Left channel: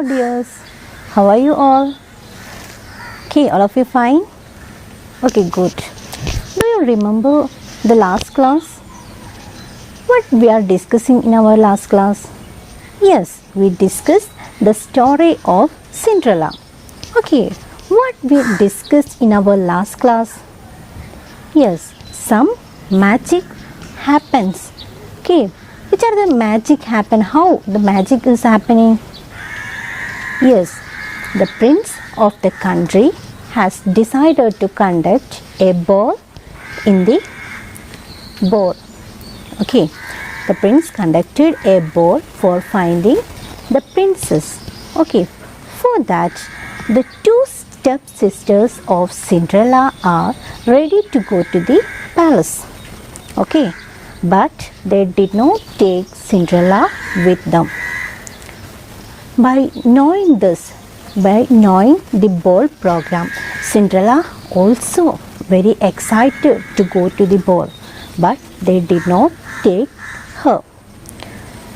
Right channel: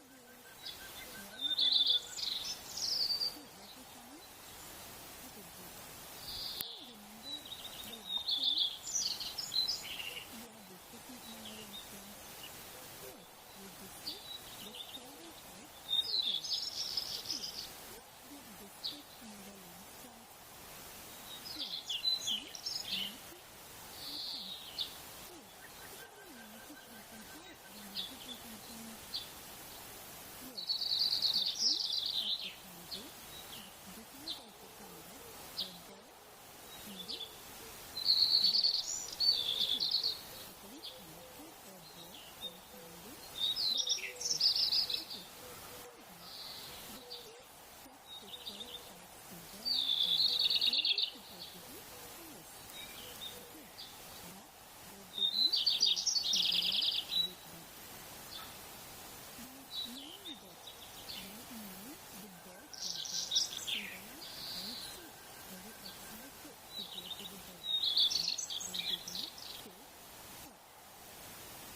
Hello dears, how are you all? Okay, all of you fine? Okay, good. Do you remember the last class? What we are discussing in our last class? Yes, we discussed the story of Cinderella. Okay, what we discussed in our last class? Yes, some magic happens. Okay, which are the magic happen? How the magic is happening? Yes, the prince of the country has decided to conduct a ball in the ball. Okay, the prince conducted a ball for finding the princess. Okay, for that, the two stepsisters of Cinderella are ready to go to the palace. Okay, but they did not take Cinderella with them. By knowing the ball program, Cinderella also very excited to go to the ball, but they did not take her.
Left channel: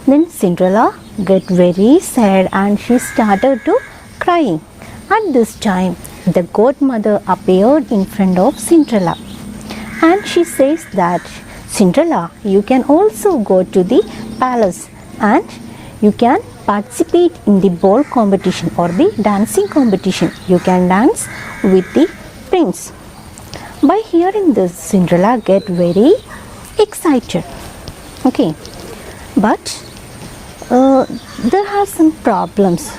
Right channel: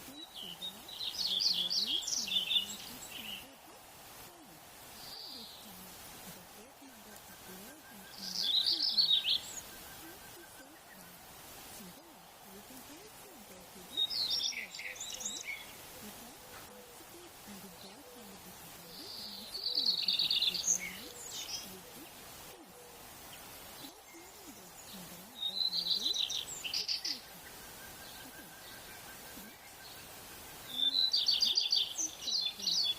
Then Cinderella get very sad and she started to crying. At this time, the godmother appeared in front of Cinderella, and she says that Cinderella, you can also go to the palace and you can participate in the ball competition or the dancing competition. You can dance with the prince. By hearing this, Cinderella get very excited. Okay, but there are some problems.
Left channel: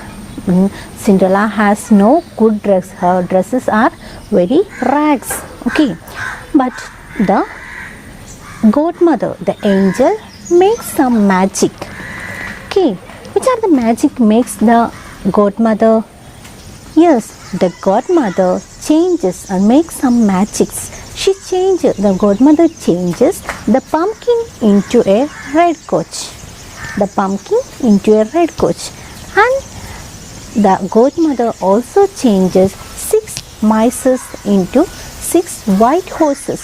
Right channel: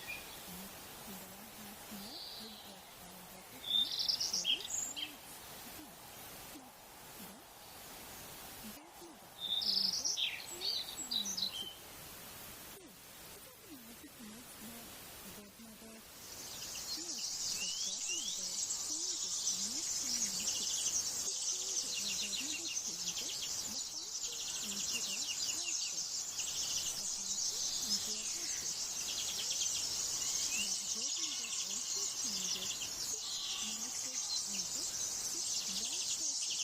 Cinderella has no good dress. Her dresses are very rags. Okay, but the godmother, the angel, makes some magic. Okay, which are the magic makes the godmother? Yes, the godmother changes and makes some magics. The godmother changes the pumpkin into a red coach. The pumpkin into a red coach. And the godmother also changes 6 mice into 6 white horses.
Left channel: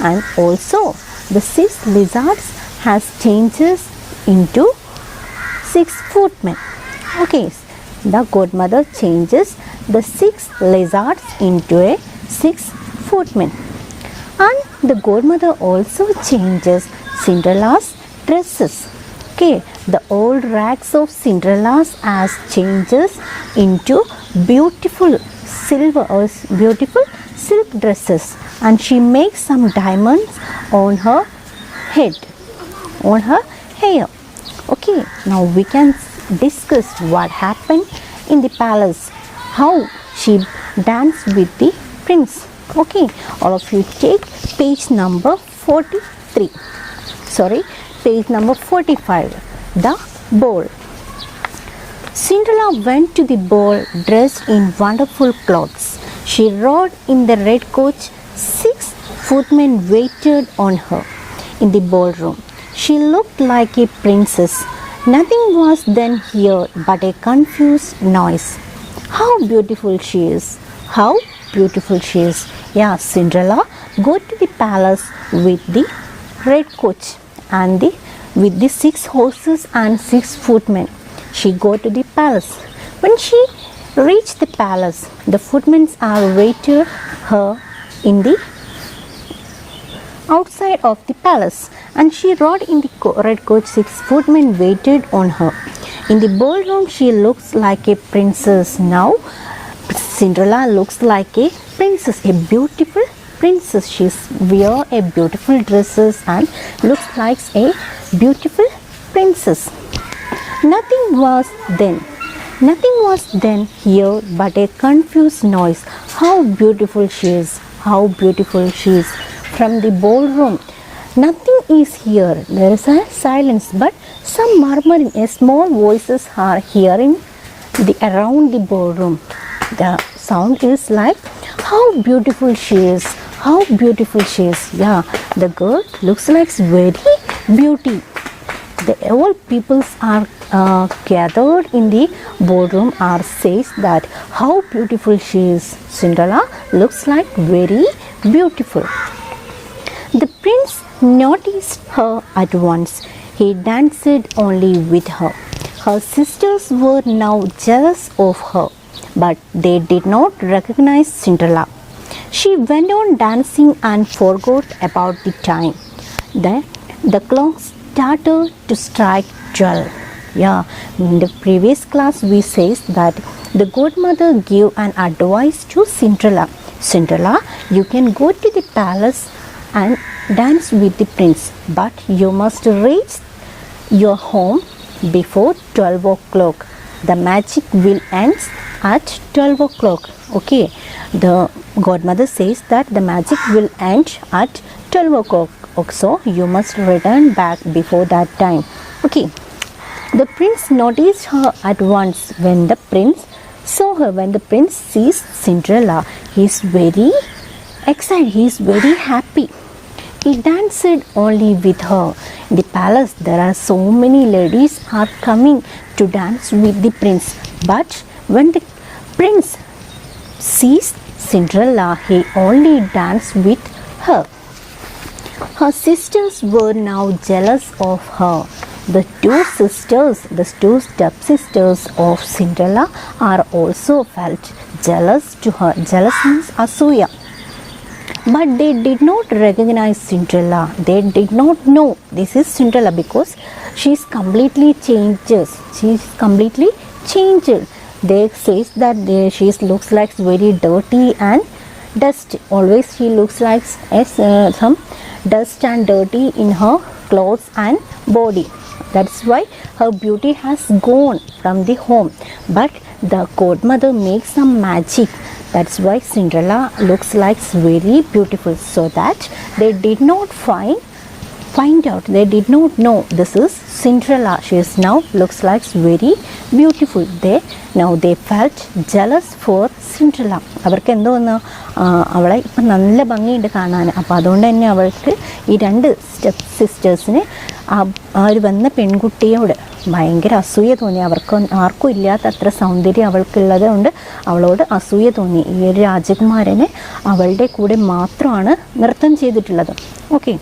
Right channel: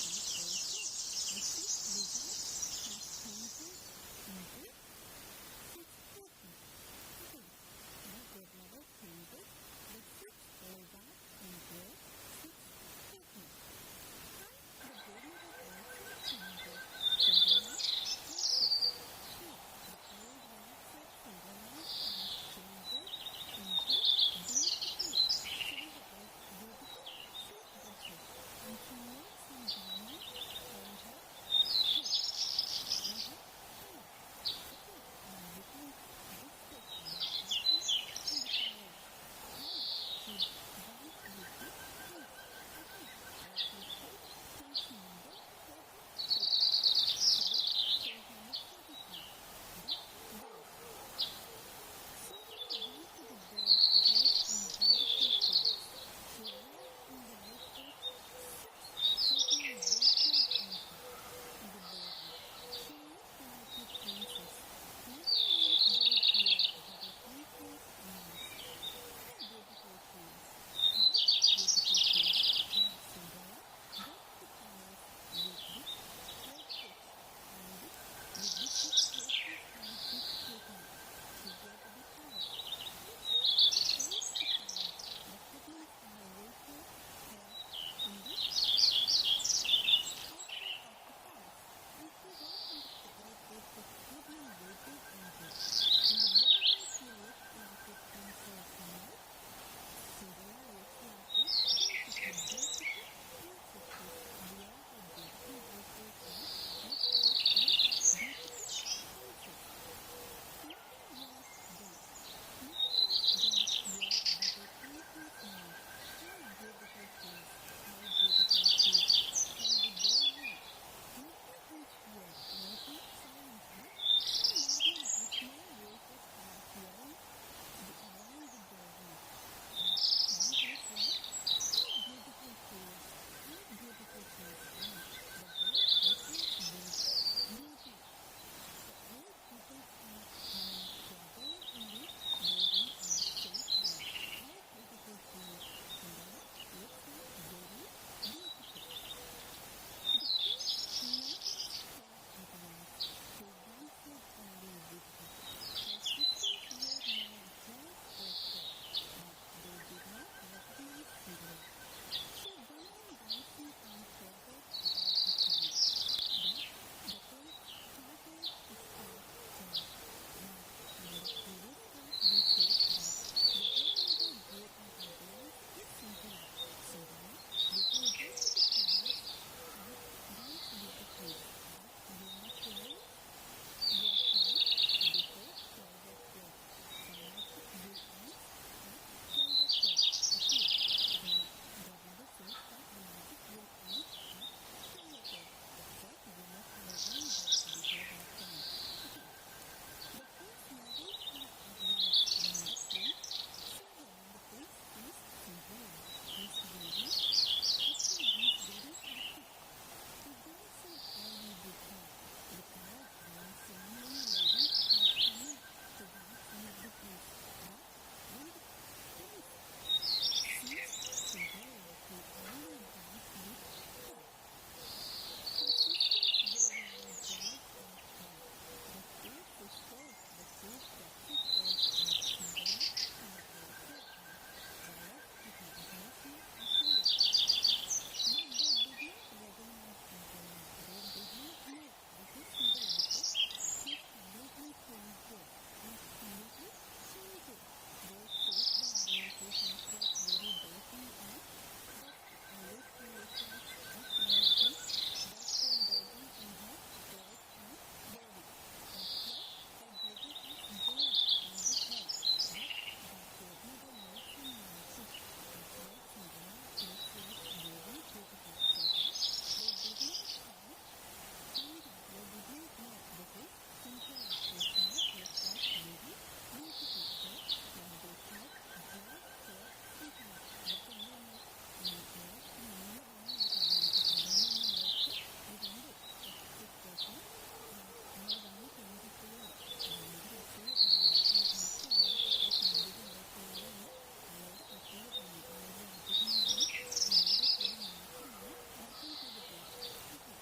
And also the 6 lizards has changes into 6 footmen. Okay, the godmother changes the 6 lizards into a 6 footmen. And the godmother also changes Cinderella's dresses. Okay, the old rags of Cinderella's as changes into beautiful silk dresses, and she makes some diamonds on her head, on her hair. Okay, now we can discuss what happened in the palace, how she danced with the prince. Okay, all of you take page number 43. Sorry, page number 45. The ball. Cinderella went to the ball dressed in wonderful clothes. She rode in the red coach. 6 footmen waited on her in the ballroom. She looked like a princess. Nothing was then heard but a confused noise. How beautiful she is! How beautiful she is! Yeah, Cinderella go to the palace with the red coach and with the 6 horses and 6 footmen. She go to the palace. When she reached the palace, the footmen are waited her in the outside of the palace, and she rode in the red coach. 6 footmen waited on her. In the ballroom, she looks like a princess. Now, Cinderella looks like a princess, a beautiful princess. She wear a beautiful dresses and looks like a beautiful princess. Nothing was then heard but a confused noise. How beautiful she is! How beautiful she is! From the ballroom, nothing is here. There is a silence, but some murmuring. Small voices are hearing around the ballroom. The sound is like, how beautiful she is! How beautiful she is! Yeah, the girl looks like very beauty. All peoples are gathered in the ballroom are says that how beautiful she is. Cinderella looks like very beautiful. The prince noticed her at once. He danced only with her. Her sisters were now jealous of her, but they did not recognize Cinderella. She went on dancing and forgot about the time. Then the clock started to strike 12. Yeah, in the previous class we says that the godmother gave an advice to Cinderella. Cinderella, you can go to the palace and dance with the prince, but you must reach your home before 12 o'clock. The magic will end at 12 o'clock. Okay, the godmother says that the magic will end at 12 o'clock. So you must return back before that time. Okay. The prince noticed her at once. When the prince saw her, when the prince sees Cinderella, he is very excited, he is very happy. He danced only with her. In the palace, there are so many ladies are coming to dance with the prince. But when the prince sees Cinderella, he only danced with her. Her sisters were now jealous of her. The two stepsisters of Cinderella are also felt jealous to her. Jealous means asuya. But they did not recognize Cinderella. They did not know this is Cinderella because she is completely changed. She is completely changed. They say that she looks like very dirty and dust. Always she looks like some dust and dirty in her clothes and body. That's why her beauty has gone from the home. But the godmother makes some magic. That's why Cinderella looks like very beautiful. So that they did not find out. They did not know this is Cinderella. She is now looks like very beautiful. They felt jealous for Cinderella. അവർക്ക് എന്തോ ഒന്ന് അവളെ ഇപ്പം നല്ല ഭംഗിയുണ്ട് കാണാൻ. അപ്പോൾ അതുകൊണ്ട് തന്നെ അവൾക്ക് ഈ രണ്ട് സ്റ്റെപ്പ് സിസ്റ്റേഴ്സിന് ആ ഒരു വന്ന പെൺകുട്ടിയോട് ഭയങ്കര അസൂയ തോന്നി. അവർക്ക് ആർക്കും ഇല്ലാത്ത അത്ര സൗന്ദര്യം അവൾക്കുള്ളത് കൊണ്ട് അവളോട് അസൂയ തോന്നി. ഈ ഒരു രാജകുമാരനെ അവളുടെ കൂടെ മാത്രമാണ് നൃത്തം ചെയ്തിട്ടുള്ളത്. Okay.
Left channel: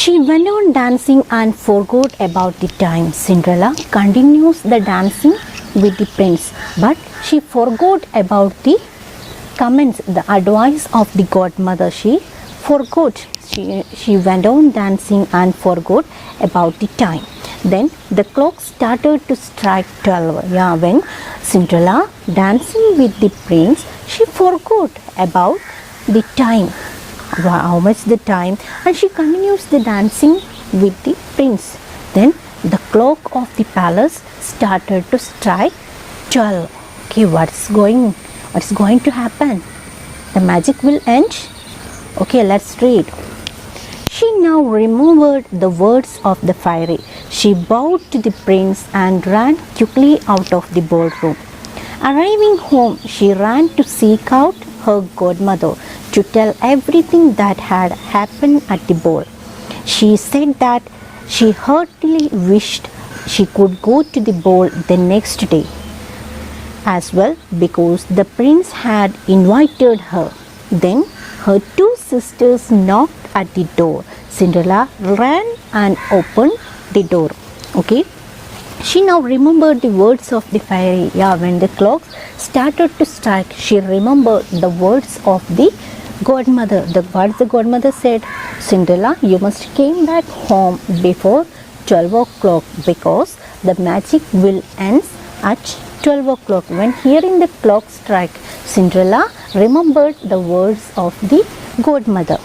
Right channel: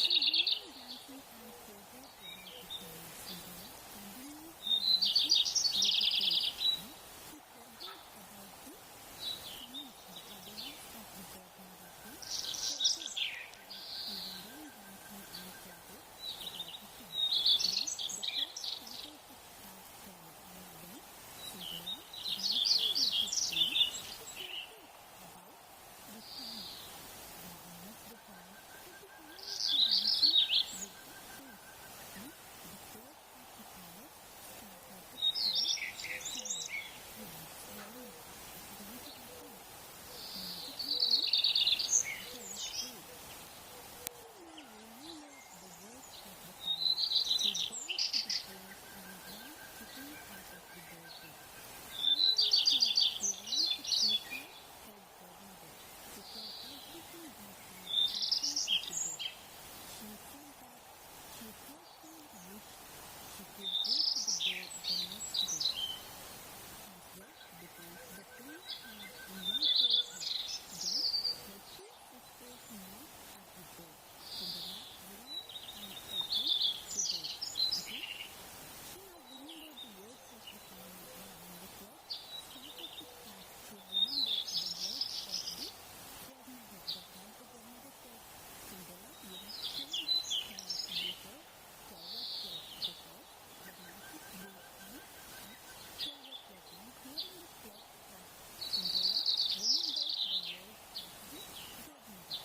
She went on dancing and forgot about the time. Cinderella continues the dancing with the prince, but she forgot about the comments, the advice of the godmother. She forgot. She went on dancing and forgot about the time. Then the clock started to strike 12. Yeah, when Cinderella dancing with the prince, she forgot about the time. How much the time, and she continues the dancing with the prince. Then the clock of the palace started to strike 12. Okay, what's going to happen? The magic will end. Okay, let's read. She now remembered the words of the fairy. She bowed to the prince and ran quickly out of the ballroom. Arriving home, she ran to seek out her godmother to tell everything that had happened at the ball. She said that she heartily wished she could go to the ball the next day as well because the prince had invited her. Then her two sisters knocked at the door. Cinderella ran and opened the door. Okay. She now remembered the words of the fairy. Yeah, when the clock started to strike, she remembered the words of the godmother. What the godmother said, Cinderella, you must came back home before 12 o'clock because the magic will end at 12 o'clock. When hearing the clock strike, Cinderella remembered the words of the godmother.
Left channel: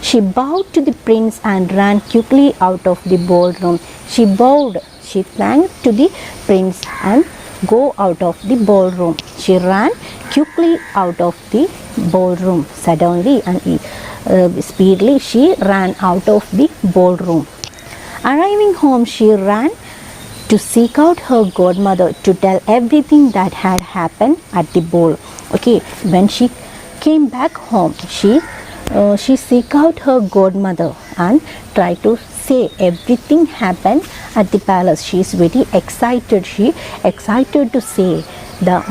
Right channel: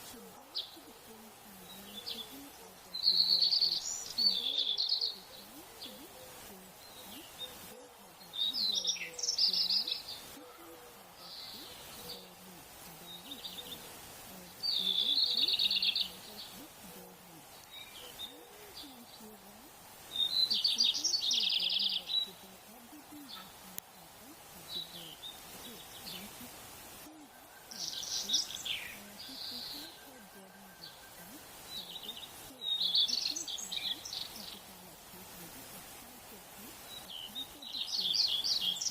She bowed to the prince and ran quickly out of the ballroom. She bowed, she thanked to the prince and go out of the ballroom. She ran quickly out of the ballroom. Suddenly and speedily she ran out of the ballroom. Arriving home, she ran to seek out her godmother to tell everything that had happened at the ball. Okay, when she came back home, she seek out her godmother and try to say everything happened at the palace. She is very excited. She excited to say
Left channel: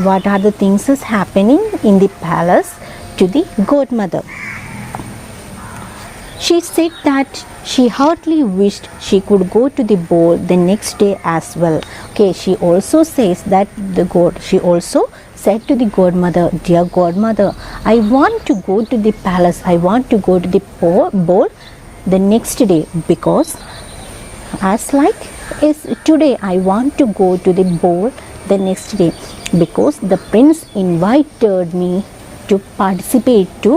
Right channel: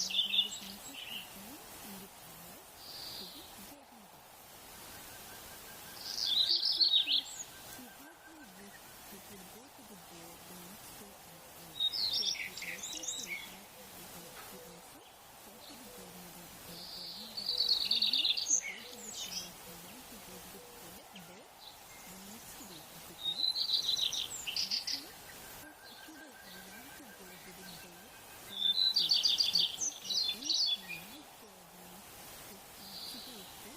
what are the things is happening in the palace to the godmother. She said that she heartily wished she could go to the ball the next day as well. Okay, she also says that she also said to the godmother, dear godmother, I want to go to the palace, I want to go to the ball the next day, because as like is today I want to go to the ball the next day, because the prince invited me to participate to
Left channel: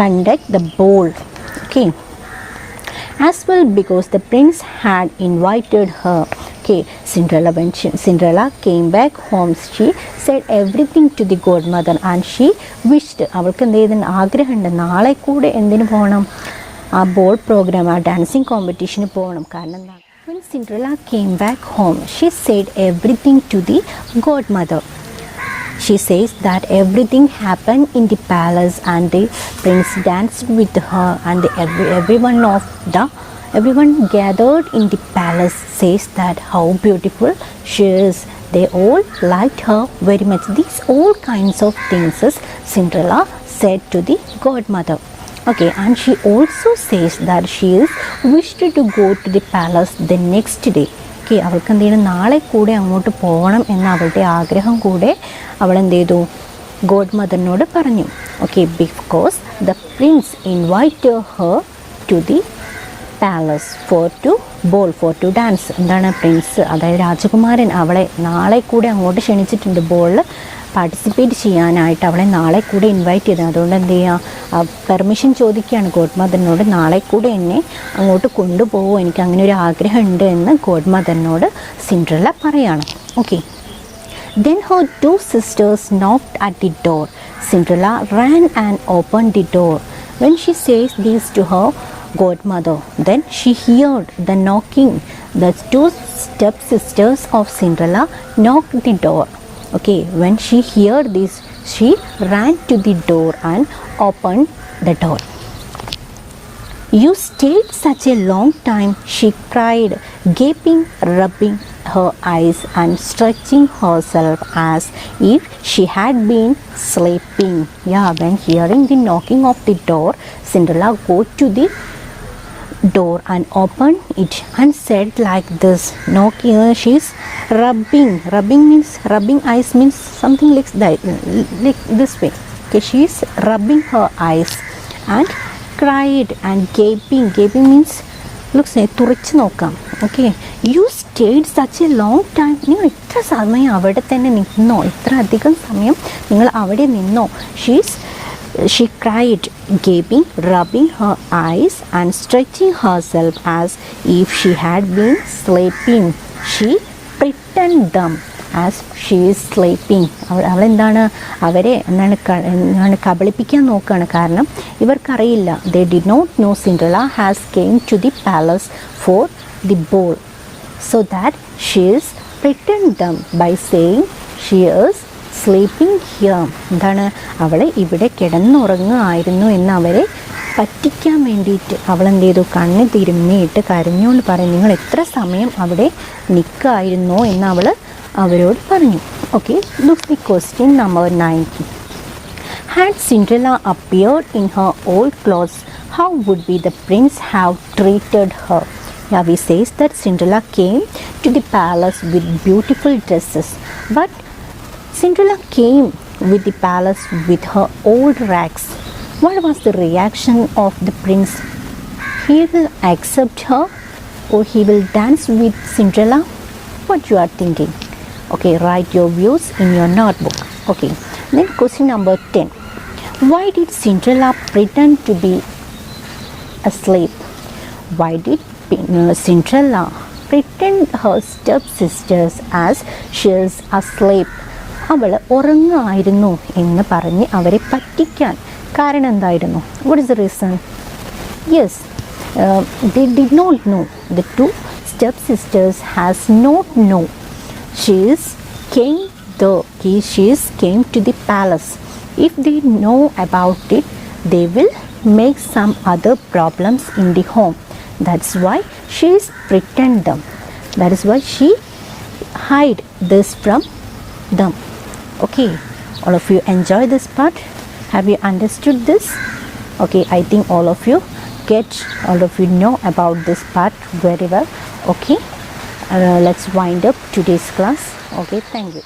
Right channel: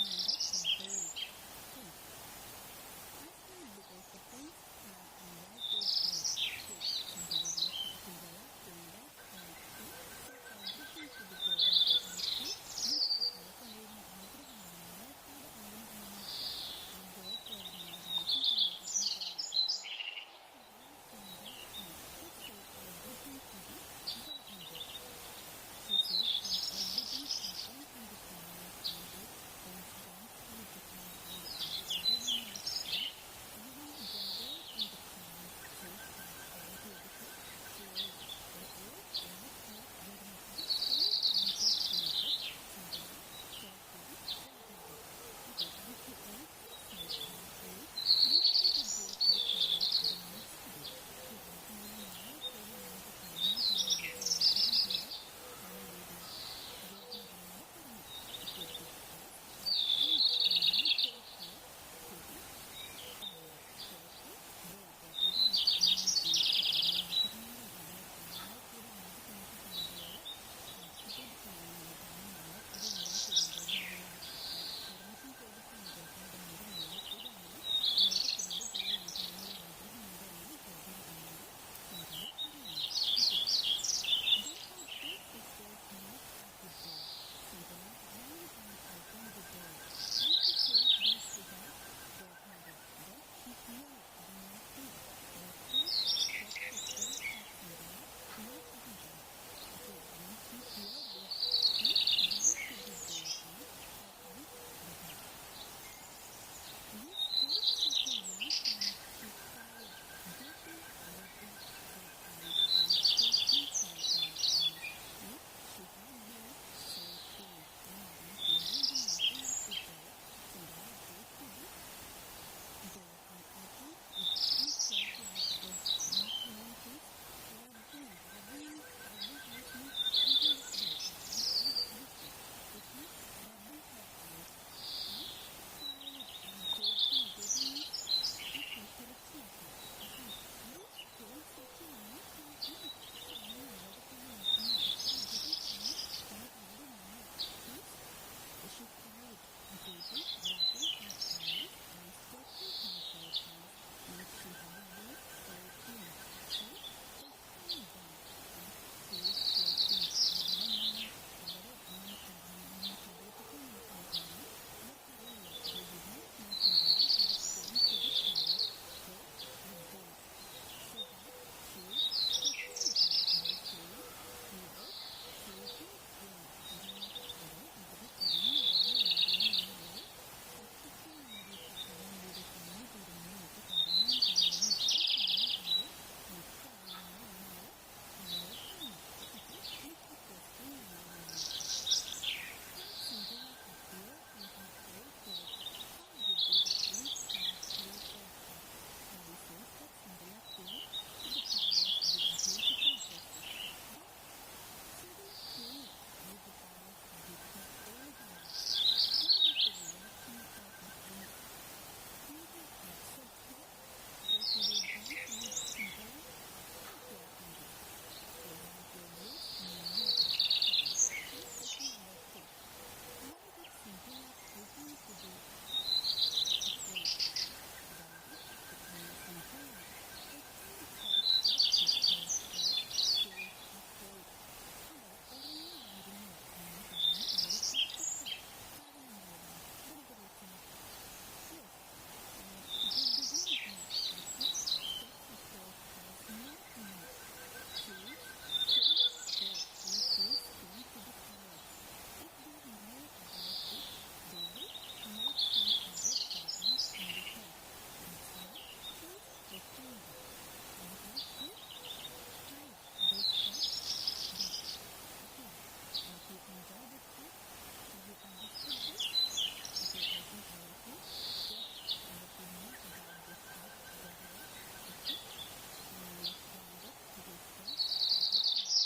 conduct the ball. Okay, as well because the prince had invited her. Okay, when Cinderella came back home, she said everything to the godmother and she wished, അവൾക്ക് എന്ത് ചെയ്തിന് ആഗ്രഹമുണ്ട്, നാളെ കൂടെ എന്തിനു പോകണം, ആ ball programme, ആ dancing കോമ്പറ്റീഷന് പോകണം. കാരണം when Cinderella came back home, she said everything to the godmother. She says that everything happened in the palace and the prince danced with her, and everyone gathered in the palace says that how beautiful she is. They all liked her very much. These all kinds of things Cinderella said to the godmother. Okay, and she also says that she is wished to go to the palace the next day. Okay, അവൾക്ക് എന്ത് ചെയ്യണം, നാളെ കൂടെ അങ്ങോട്ട് പോകണം എന്ന അവളുടെ ആഗ്രഹം കൂടെ അവൾ എന്ത് ചെയ്തു, ഗോഡ് മദറിനോട് പറഞ്ഞു. Okay, because the prince invited her to the palace for to dance. എന്താണ് പ്രിൻസ്, അതായത് രാജകുമാരൻ അവളെ നാളെ കൂടെ അങ്ങോട്ട് ക്ഷണിച്ചിട്ടുണ്ട്, ബോളിൽ പാർട്ടിസിപ്പേറ്റ് ചെയ്യാനായിട്ട് അവളെ നാളെ കൂടെ ഇൻവൈറ്റ് ചെയ്തത്. അതുകൊണ്ട് എന്ത് ചെയ്യുക, പെർമിഷൻ ചോദിക്കുകയാണ് ഗോഡ് മദറിനോട്, നാളെ കൂടെ എന്നെ അങ്ങോട്ട് കൊണ്ടുപോകുമോ, എനിക്ക് അങ്ങനെ ഒരു ആഗ്രഹമുണ്ട് എന്ന് ഗോഡ് മദറിനോട് സിൻഡ്രല്ല പറയാണ്. Okay, then her two sisters knocked at the door. Cinderella ran and opened the door. When she says this to her godmother, then she heard the knocking. The two stepsisters of Cinderella knocked the door. Okay, when she heard this, she ran to the door and opened the door. You stayed such a long time, she cried, gaping, rubbing her eyes and stretching herself as if she had been sleeping. Yeah, when hearing the knocking of the door, Cinderella go to the door and opened it and said like this, knocking, she's rubbing eyes means something like this way. Okay, she's rubbing her eyes and cried and gaping means looks like തുറച്ച് നോക്കാം. Okay, you stayed such a long time, നിങ്ങൾ ഇത്ര സമയം അവിടെ തന്നെ നിന്നോ, ഇത്ര അധികം സമയം നിങ്ങൾ അവിടെ നിന്നോ. She cried, gaping, rubbing her eyes and stretching herself as if she had been sleeping. She pretended them as she is sleeping. അവളെന്താണ്, അവരെ എന്താണ് കബളിപ്പിക്കാൻ നോക്കുകയാണ്. കാരണം ഇവർക്കറിയില്ല, they did not know Cinderella has came to the palace for the ball, so that she is pretending them by saying she is sleeping here. എന്താണ്, അവളെ ഇവിടെ കിടന്നുറങ്ങുമായിരുന്നു എന്ന് അവരെ പറ്റിക്കാൻ വേണ്ടിയിട്ട് അവളെന്ത് ചെയ്തു, കണ്ണ് തിരുമ്മിയിട്ട് കരഞ്ഞുകൊണ്ട് പറയും, നിങ്ങൾ എത്ര സമയം അവിടെ നിൽക്കുമായിരുന്നോ എന്ന് അവൾ അവരോട് പറഞ്ഞു. Okay, look the question number 9. Had Cinderella appeared in her old clothes, how would be the prince have treated her? Yeah, we says that Cinderella came to the palace with beautiful dresses, but Cinderella came with the palace with her old rags. What was the reaction of the prince? He will accept her or he will dance with Cinderella? What you are thinking? Okay, write your views in your notebook. Okay, then question number 10. Why did Cinderella pretend to be asleep? Why did Cinderella pretend her stepsisters as she is asleep? അവൾ ഉറങ്ങുമായിരുന്നു എന്ന് പറഞ്ഞ് അവരെ പറ്റിക്കാൻ കാരണം എന്തായിരുന്നു? What is the reason? Yes, they did not know. The two stepsisters has not know. She came to the palace. If they know about it, they will make some other problems in the home. That's why she is pretend them. That is why she hide this from them. Okay, all of you enjoy this part. Have you understood this? Okay, I think all of you get, all of you know about this part very well. Okay, let's wind up today's class. Okay, thank you.